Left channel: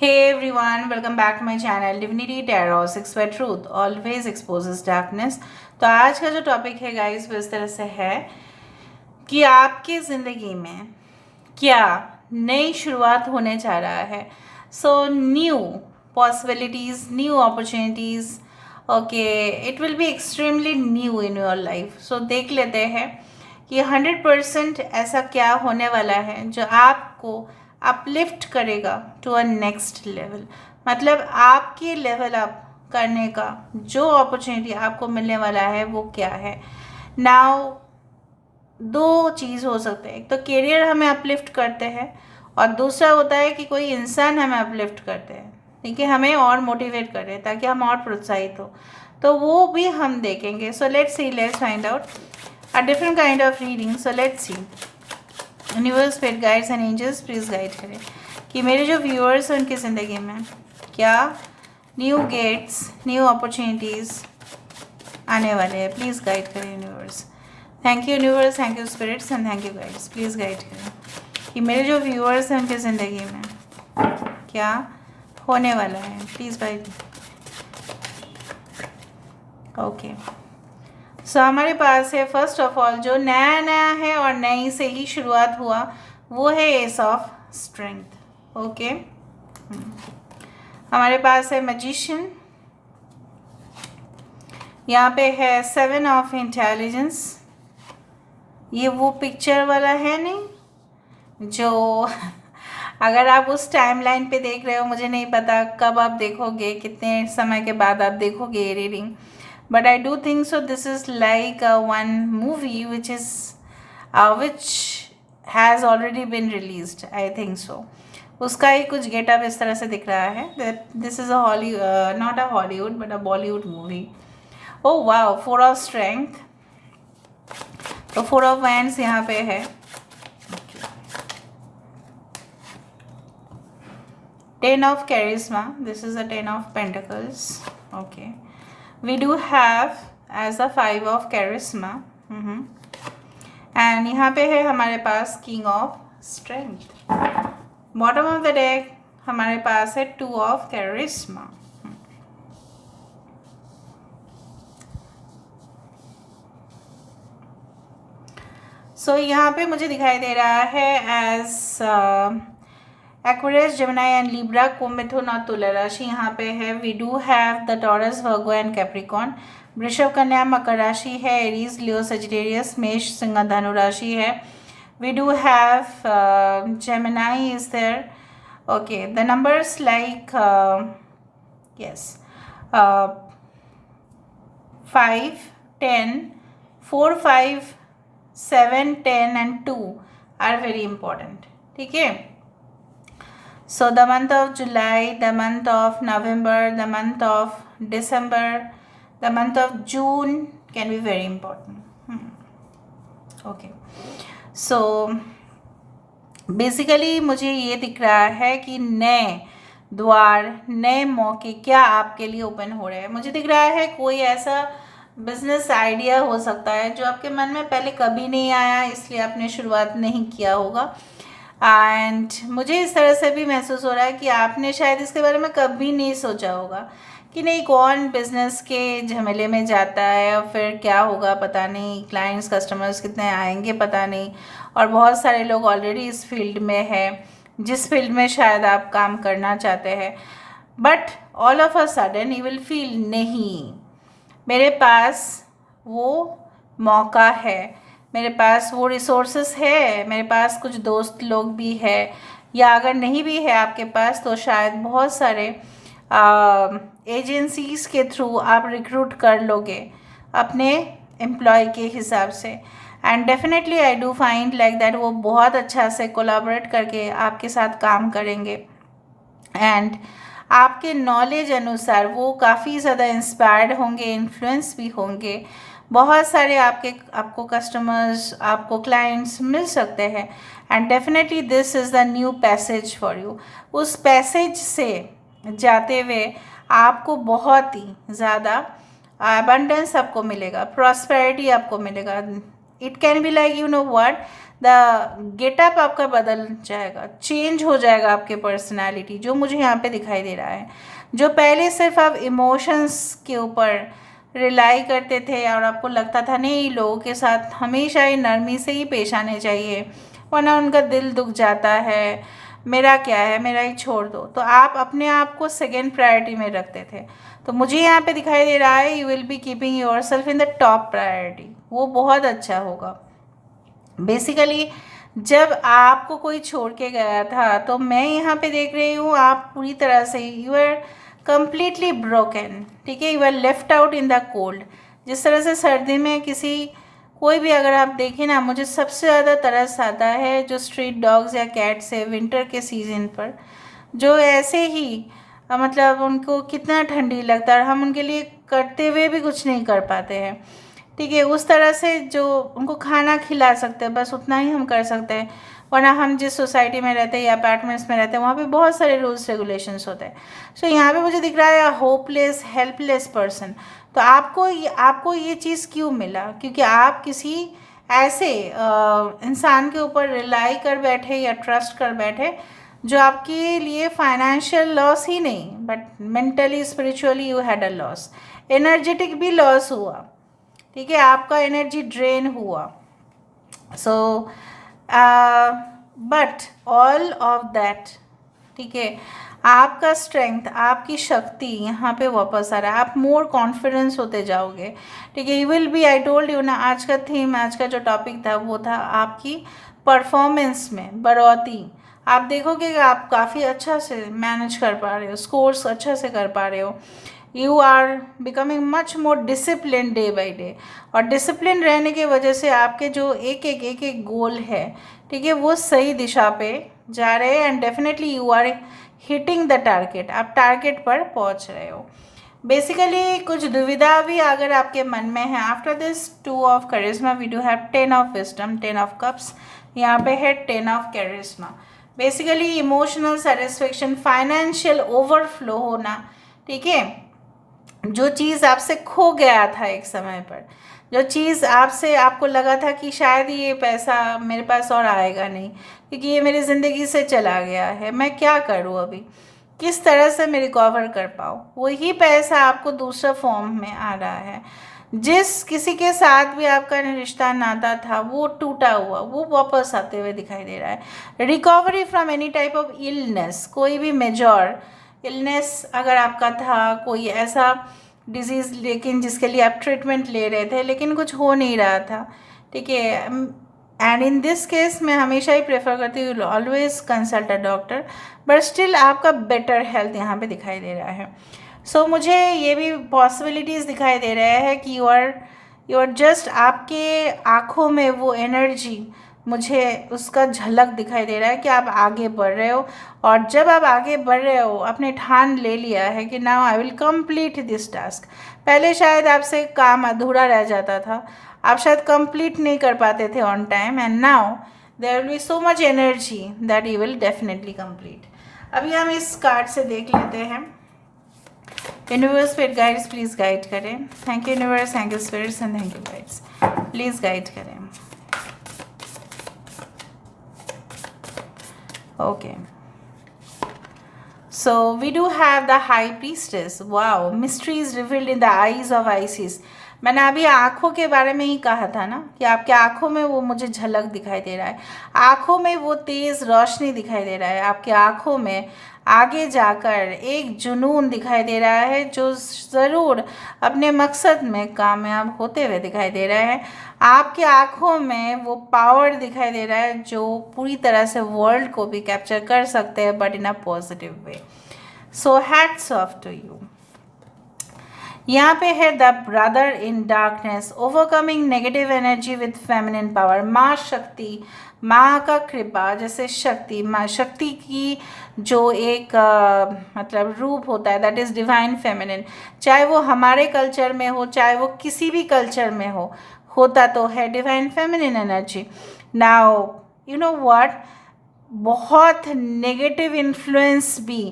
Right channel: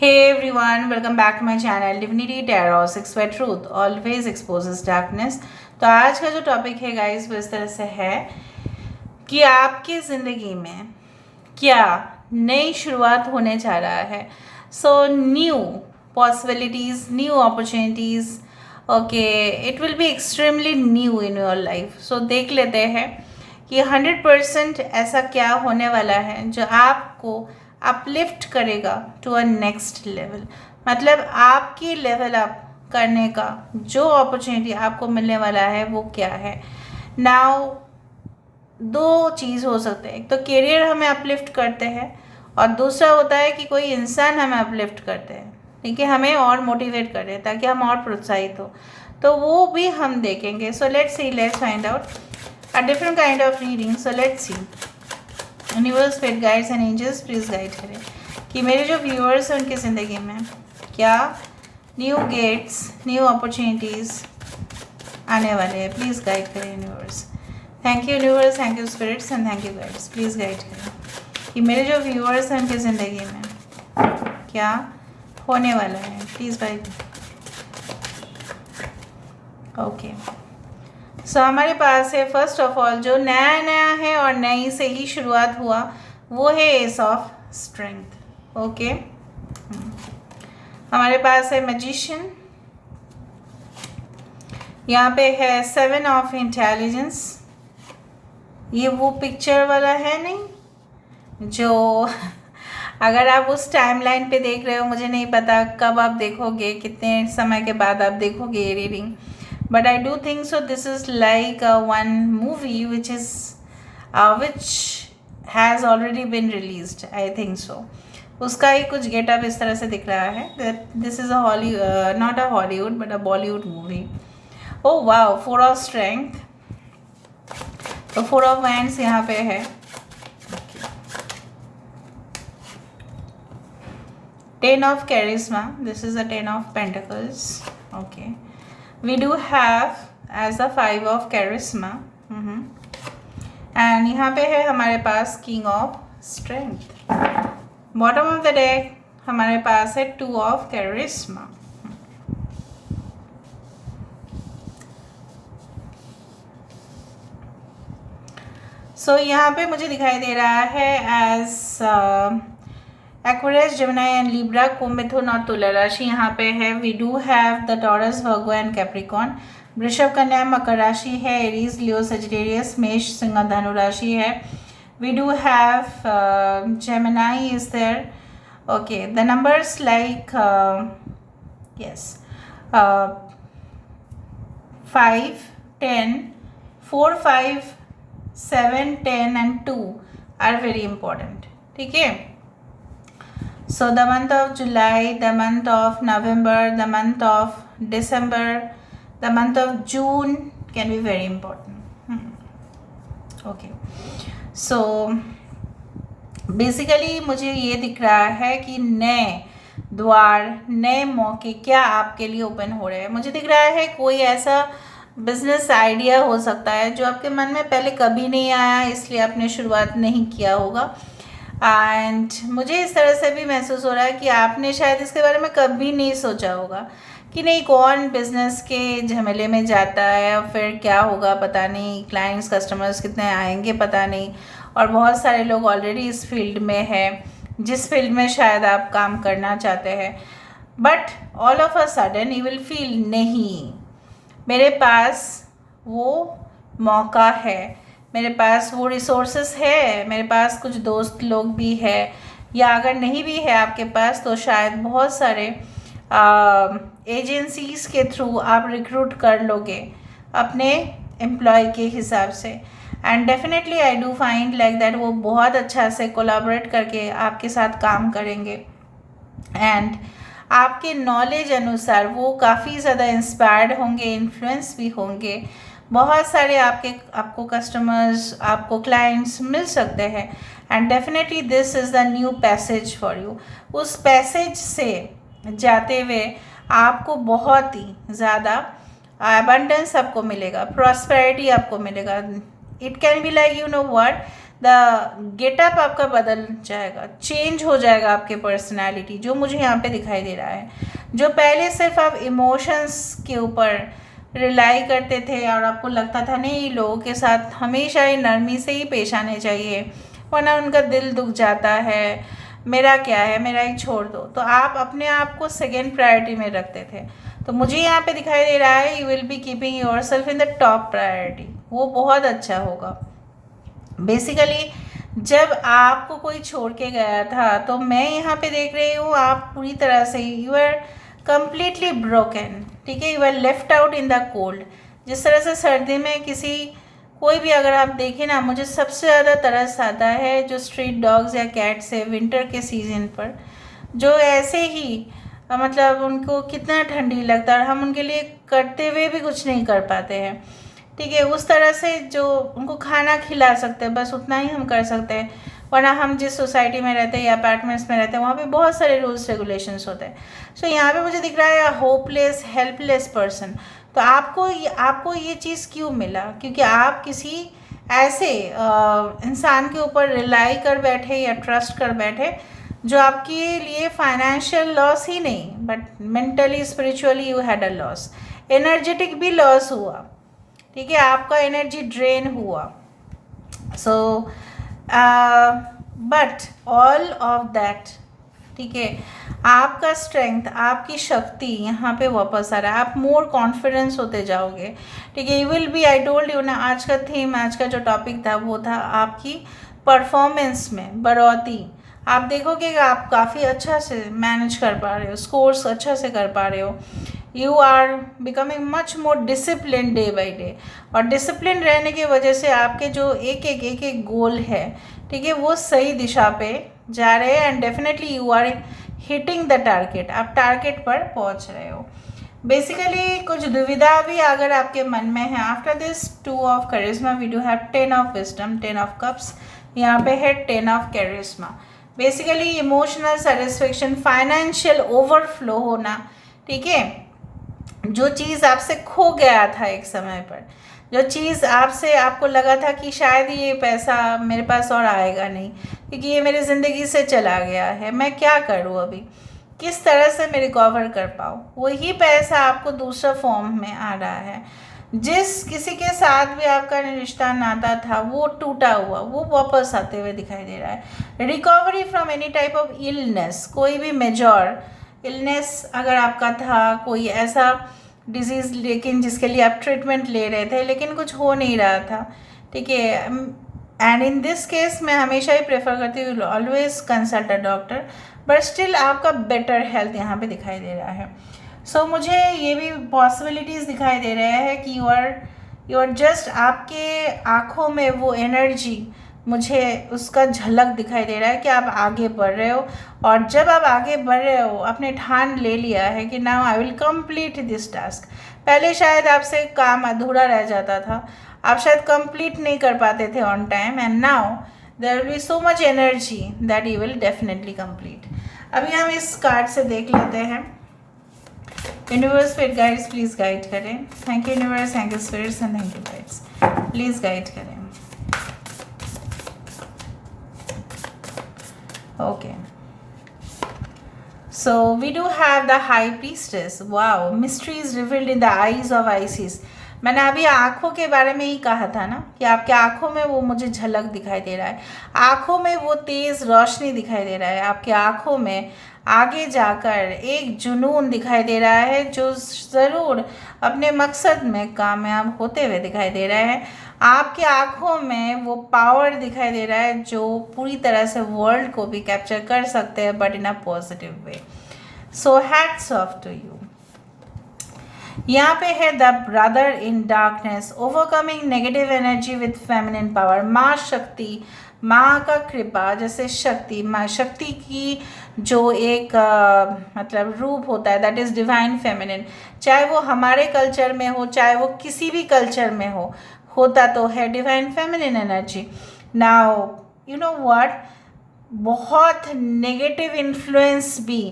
Hey everyone, welcome back to my channel Divinity Tarot 6 where truth always exposes darkness। तो आज का जो topic है गाइस वो इस तरह से है कि आपकी ज़िंदगी में क्या नई शुरुआत होने जा रहा है। So new possibilities, new opportunities, okay, it will be extremely new in your life. So देख लेते हैं कि 100% ऐसा क्या होने वाला है जो आपको अपलिफ्ट करेगा टू अ नेक्स्ट लेवल। मतलब आपकी लेवल अप करने का जो अपॉर्चुनिटी आपको मिलने वाला है वो क्या है। नाउ दो चीज़ हो सकते हैं, एक तो करियर हमें अपलिफ्ट करते हैं और दूसरा होता है कि कोई इंसान हमें अपलिफ्ट करते हैं, ठीक है, हमें और मोटिवेट करे ताकि हम और प्रोत्साहित हो, तो वो भी हम देखेंगे। So let's see, let's find out a different kind of reading. So let's see, universe, spirit guides and angels please guide करें कि मेरे जो व्यूअर्स हैं उनकी ज़िंदगी में क्या न्यू गेट्स, न्यू अपॉर्चुनिटीज़ आने वाले हैं। प्लीज़ गाइड करें universe. Thank you universe, thank you spirits and thank you guides. Please guide करें कि मेरे जो व्यूअर्स हैं उनकी ज़िंदगी में क्या होने वाला है। Please guide. ओके, सो हमारे पास है फर्स्ट ऑफ ऑल जो नया नया है और नई से ही शुरुआत हुआ वो है एस ऑफ स्ट्रेंथ। ओके, हमारे पास है मैजिशियन, यहाँ पे है 7 ऑफ इंटेलिजेंस। ये वो पिक्चर वाला है नहीं जो अगर आप उस टाइमलाइन पे देख रहे हो, मुझे नहीं पता कब आप देखोगे, कितने समय के बाद आप देखोगे ये reading, but I do think so this is like one movie which has already been released, I think so। उसका ही कुछ गेटअप इस तरह से दिख रहा है। This is a not a Hollywood but a Bollywood movie. Oh wow, 4 of strength, तो 4 of wands यहाँ पे है। 10 of charisma, this is a 10 of pentacles। okay, we do have as a 5 of charisma। And यहाँ पे है हमारे पास king of strength. Bottom of the deck हमारे पास है 2 ऑफ कैरिस्मा। सो यहाँ पे मुझे दिखाई दे रहा है as Aquarius, Gemini and Libra, कुंभ, मिथुन और तुला राशि यहाँ पे है। We do have the Taurus, Virgo and Capricorn. वृषभ, कन्या, मकर राशि है। एरीज, लियो, सजिटेरियस, मेष, सिंह, धनु राशि है। We do have Gemini is there. Okay, the numbers like yes 5, 10, 4, 5, 7, 10 and 2 are very important, ठीक है। So the month of July, the month of November, the month of December, the month of June can be very important। Okay, so basically मुझे ये दिख रहा है कि नए द्वार, नए मौके क्या आपके लिए ओपन हो रहे हैं। मुझे दिख रहा है कोई ऐसा बिजनेस आइडिया हो सकता है जो आपके मन में पहले कभी नहीं आया, इसलिए आपने शुरुआत नहीं किया होगा। एंड मुझे इस तरह से भी महसूस हो रहा है कि आपने शायद इसके बारे में कभी नहीं सोचा होगा कि नहीं, कौन बिज़नेस के झमेले में जाता है और फिर क्या होगा पता नहीं, क्लाइंट्स, कस्टमर्स कितने आएंगे पता नहीं, और बहुत सारे लोग ऑलरेडी इस फील्ड में है जिस फील्ड में शायद आप काम करना चाहते हैं। But all of a sudden you will feel, नहीं, मेरे पास वो मौका है, मेरे पास वो रिसोर्सेस है, मेरे पास कुछ दोस्त लोग भी है, या अगर नहीं भी है आपके पास तो शायद बहुत सारे एजेंसीज के थ्रू आप रिक्रूट कर लोगे अपने एम्प्लॉय के हिसाब से। And definitely I do find like that वो बहुत अच्छा से कोलैबोरेट करके आपके साथ काम करेंगे एंड आपके नॉलेज अनुसार वो काफ़ी ज़्यादा इंस्पायर्ड होंगे, इन्फ्लुएंस भी होंगे। बहुत सारे आपको कस्टमर्स, आपको क्लाइंट्स मिल सकते हैं and definitely this is the new passage for you. उस पैसेज से जाते हुए आपको बहुत ही ज़्यादा अबंडेंस आपको मिलेगा, प्रॉस्पेरिटी आपको मिलेगा। It can be like, you know what, the getup आपका बदल जाएगा, चेंज हो जाएगा आपके पर्सनालिटी, जो मुझे यहाँ पे दिखाई दे रहा है। जो पहले सिर्फ आप इमोशंस के ऊपर रिलाई करते थे और आपको लगता था नहीं, लोगों के साथ हमेशा ही नरमी से ही पेश आने चाहिए वरना उनका दिल दुख जाता है, मेरा क्या है, मेरा ही छोड़ दो, तो आप अपने आप को सेकेंड प्रायोरिटी में रखते थे। तो मुझे यहाँ पे दिखाई दे रहा है you will B keeping your self in the top priority, वो बहुत अच्छा होगा। बेसिकली जब आपको कोई छोड़ के गया था तो मैं यहाँ पे देख रही हूँ आप पूरी तरह से यू आर कम्प्लीटली ब्रोकन, ठीक है, you are left out in the cold. जिस तरह से सर्दी में किसी कोई भी अगर आप देखें ना, मुझे सबसे ज़्यादा तरस आता है जो स्ट्रीट डॉग्स या कैट्स है विंटर के सीजन पर, जो ऐसे ही मतलब उनको कितना ठंडी लगता है और हम उनके लिए करते हुए भी कुछ नहीं कर पाते हैं, ठीक है। उस तरह से जो उनको खाना खिला सकते हैं बस उतना ही हम कर सकते हैं, वरना हम जिस सोसाइटी में रहते हैं या अपार्टमेंट्स में रहते हैं वहाँ पे बहुत सारे रूल्स रेगुलेशंस होते हैं। सो यहाँ पे मुझे दिख रहा है होपलेस हेल्पलेस पर्सन। तो आपको ये चीज़ क्यों मिला? क्योंकि आप किसी ऐसे इंसान के ऊपर रिलाई कर बैठे या ट्रस्ट कर बैठे जो आपके लिए फाइनेंशियल लॉस ही नहीं but mentally spiritually you had a loss, energetic भी लॉस हुआ, ठीक है, आपका एनर्जी ड्रेन हुआ। So but all of that, ठीक है, आपका स्ट्रेंथ, आपकी शक्ति यहाँ पे वापस आ रहा है, आप मोर कॉन्फिडेंस होते जाओगे, ठीक है। You will B, I told you ना, आज का थीम, आज का जो टॉपिक था वो था आपकी परफॉर्मेंस में बढ़ोतरी। आप देखोगे कि आप काफ़ी अच्छा से मैनेज कर पा रहे हो, स्कोर्स अच्छा से कर पा रहे हो, you are becoming much more discipline day by day. और डिसिप्लिन रहने की वजह से आपके जो एक गोल है, ठीक है, वो सही दिशा पे जा रहे हैं and definitely you are hitting the target, आप टारगेट पर पहुंच रहे हो। बेसिकली कुछ दुविधा भी अगर आपके मन में है, आफ्टर दिस 2 ऑफ करिश्मा we do have 10 of wisdom, 10 of cups, यहाँ पे है 10 ऑफ करिश्मा। Basically emotional satisfaction, financial overflow होना, ठीक है, जो चीज़ आपसे खो गया था एक समय पर, जो चीज़ आपको लगा था कि शायद ये पैसा मेरे पास और आएगा नहीं क्योंकि ये मेरी ज़िंदगी से चला गया है, मैं क्या करूँ अभी, किस तरह से मैं रिकवर कर पाऊँ, वही पैसा आपको दूसरा फॉर्म में आ रहा है। जिस किसी के साथ भी आपका रिश्ता नाता था वो टूटा हुआ, वो वापस आते हुए दिखाई दे रहा है। Recovery from any type of illness, कोई भी मेजर इलनेस अगर आपका था, कोई ऐसा डिजीज़ लेकिन जिसके लिए आप ट्रीटमेंट ले रहे थे लेकिन कुछ हो नहीं रहा था, ठीक है, एंड इन दिस केस मैं हमेशा ही प्रेफर करती हूँ always consult a doctor, but still आपका बेटर हेल्थ यहाँ पे दिखाई दे रहा है। सो मुझे ये भी पॉसिबिलिटीज़ दिखाई दे रहे हैं कि यू आर जस्ट, आपके आँखों में वो एनर्जी, मुझे उसका झलक दिखाई दे रहा है कि आप आगे बढ़ रहे हो। और जब आप आगे बढ़ रहे हो, आपने ठान ले लिया है कि now I will complete this task. पहले शायद आपसे काम अधूरा रह जाता था, आप शायद कंप्लीट नहीं कर पाते थे on time, and now there will be so much energy that you will definitely complete. अभी हम इस कार्ड से देख लेते हैं। Universe spirit guides please guide करें। Thank you universe, thank you spirits and thank you guides, please guide करें। Okay, so we do have the high priestess. Wow, mysteries revealed in the eyes of Isis. मैंने अभी आँखों के बारे में ही कहा था ना कि आपके आँखों में वो मुझे झलक दिखाई दे रहा है, आँखों में वो तेज़ रोशनी दिखाई दे रहा है, आपके आँखों में आगे जाकर एक जुनून दिखाई दे रहा है जो ज़रूर अपने मकसद में कामयाब होते हुए दिखाई दे रहा है। आपकी आँखों में वो पावर दिखाई दे रहा है जो पूरी तरह से वर्ल्ड को भी कैप्चर कर सकते हैं, but in a positive way. So hats off to you. यहाँ पे है the brother in darkness, overcoming negative energy with feminine power. माँ शक्ति, माँ का कृपा, जैसे शक्ति, माँ शक्ति की जो एक मतलब रूप होता है, दैट इज़ डिवाइन फेमिनिन। चाहे वो हमारे कल्चर में हो, चाहे वो किसी भी कल्चर में हो, होता तो है divine feminine energy. Now you know what, बहुत नेगेटिव इन्फ्लुएंस भी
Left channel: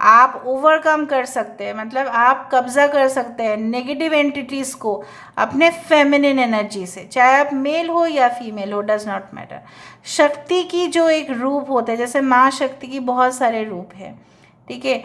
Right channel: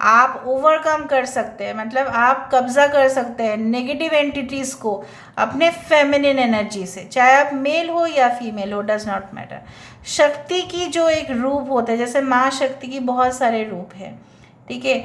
आप ओवरकम कर सकते हैं, मतलब आप कब्जा कर सकते हैं नेगेटिव एंटिटीज़ को अपने फेमिनिन एनर्जी से, चाहे आप मेल हो या फीमेल हो, डज नॉट मैटर। शक्ति की जो एक रूप होता है, जैसे माँ शक्ति की बहुत सारे रूप हैं, ठीक है।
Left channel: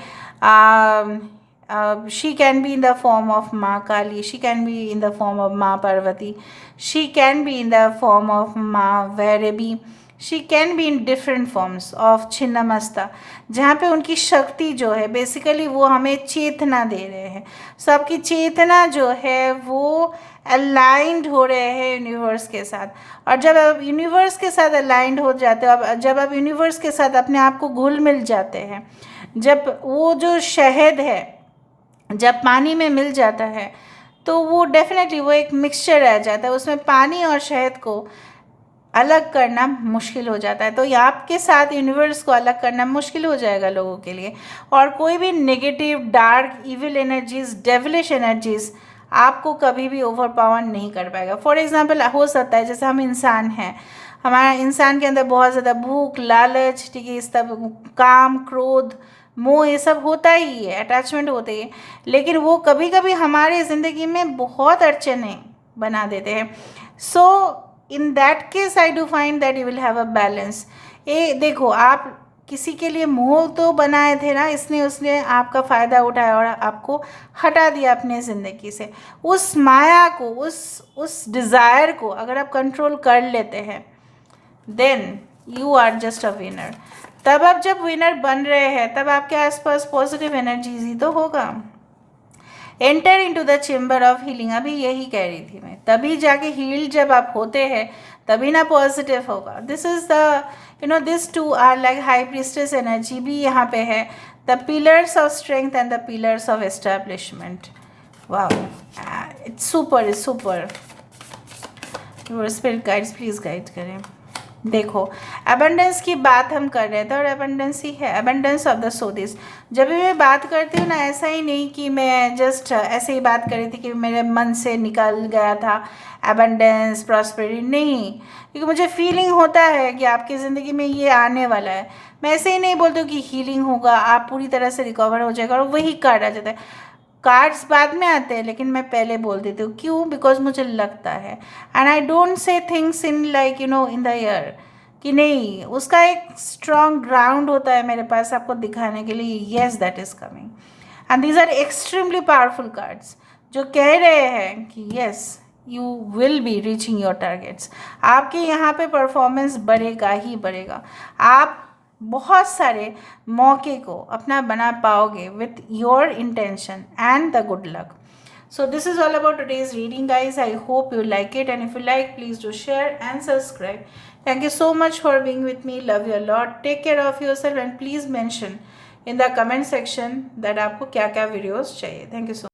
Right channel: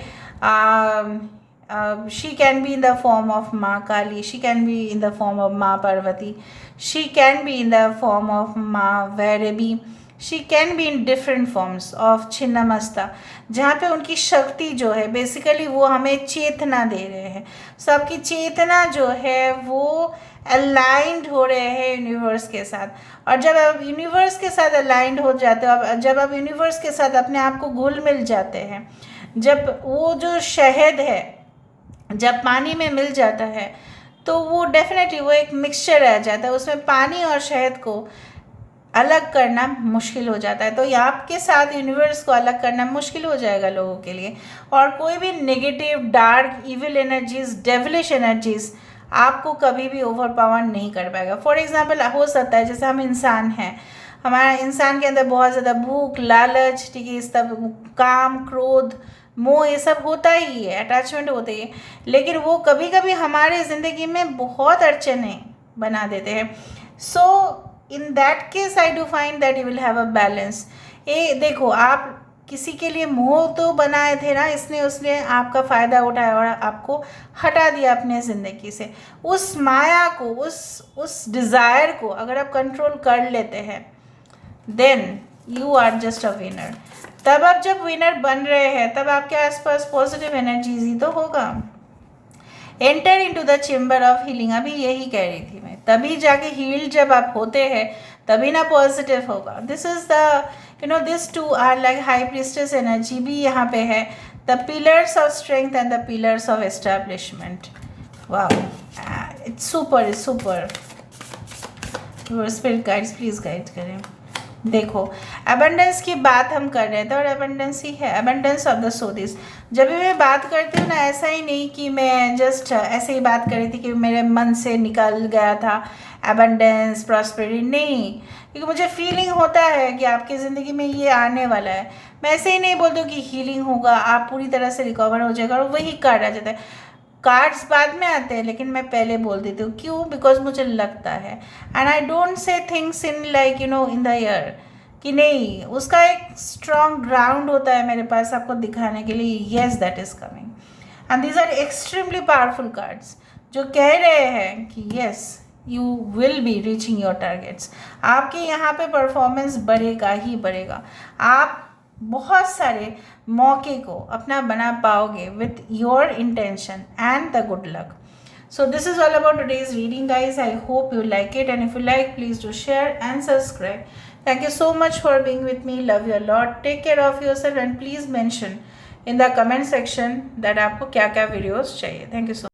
She can be in the form of माँ Kali, she can be in the form of माँ Parvati, she can be in the form of माँ Bhairavi, she can be in different forms of Chhinnamasta, जहाँ पे उनकी शक्ति जो है बेसिकली वो हमें चेतना दे रहे हैं। सबकी चेतना जो है वो अलाइंड हो रहे हैं यूनिवर्स के साथ, और जब आप यूनिवर्स के साथ अलाइंड हो जाते हो, जब आप यूनिवर्स के साथ अपने आप को घुल मिल जाते हैं, जब वो जो शहद है जब पानी में मिल जाता है तो वो डेफिनेटली वो एक मिक्सचर रह जाता है, उसमें पानी और शहद को अलग करना मुश्किल हो जाता है। तो ये आपके साथ यूनिवर्स को अलग करना मुश्किल हो जाएगा लोगों के लिए, और कोई भी negative dark evil energies, devilish energies आपको कभी भी ओवर पावर नहीं कर पाएगा। फॉर एग्जांपल हो सकता है जैसे हम इंसान हैं, हमारा इंसान के अंदर बहुत ज़्यादा भूख, लालच, ठीक है, इस सब काम, क्रोध, मोह, ये सब होता ही है, अटैचमेंट होते ही है, लेकिन वो कभी कभी हमारे ज़िंदगी में बहुत अड़चने बना देते हैं। So in that case I do find that you will have a balance. ये देखो, आप किसी के लिए मोह तो बनाए थे ना, इसने उसने आपका फ़ायदा उठाया और आपको हटा दिया अपने ज़िंदगी से। उस माया को, उस डिज़ायर को अगर आप कंट्रोल कर लेते हैं, then you are just a winner. तब आप जब विनर बन रहे हैं तब आपके आसपास पॉजिटिव एनर्जीज ही तो होगा। Enter into the chamber of healing, अभी यही कह रही थी मैं, तभी जाके हील जब आप होते हैं तभी ना पॉजिटिव होगा। This is the this to are like high priestess energy भी यहाँ पे है, the pillars of strength and the pillars of establishment. Wow, it's super, it's super. Your spirit guides please guide करें। देखो, अबंडेंस की बात हम कर रहे थे और अबंडेंस ही है, अबंडेंस ऑफ द सोदिस। जब भी मैं बात करती हूँ ना, ऐसा ही नहीं कि मैं जस्ट ऐसे ही बात कर रही थी कि मेरे मन से निकल गया था अबंडेंस, प्रॉस्पेरिटी, नहीं, क्योंकि मुझे फीलिंग होता है कि आपकी ज़िंदगी में ये आने वाला है। मैं ऐसे ही नहीं बोलती हूँ कि हीलिंग होगा, आप पूरी तरह से रिकवर हो जाएगा, और वही कार्ड आ जाता है। कार्ड्स बाद में आते हैं, लेकिन मैं पहले बोल देती हूँ, क्यों? बिकॉज मुझे लगता है, and I don't say things in like in the air, कि नहीं, उसका एक स्ट्रॉन्ग ग्राउंड होता है मेरे पास आपको दिखाने के लिए। Yes, that is coming, and these are extremely powerful cards जो कह रहे हैं कि yes, you will be reaching your targets. आपके यहाँ पे परफॉर्मेंस बढ़ेगा ही बढ़ेगा, आप बहुत सारे मौके को अपना बना पाओगे with your intention and the good luck. So this is all about today's reading, guys. I hope you like it, and if you like, please do share and subscribe. Thank you so much for being with me. Love you a lot. Take care of yourself, and please mention in the comment section that आपको क्या क्या videos चाहिए. Thank you so much.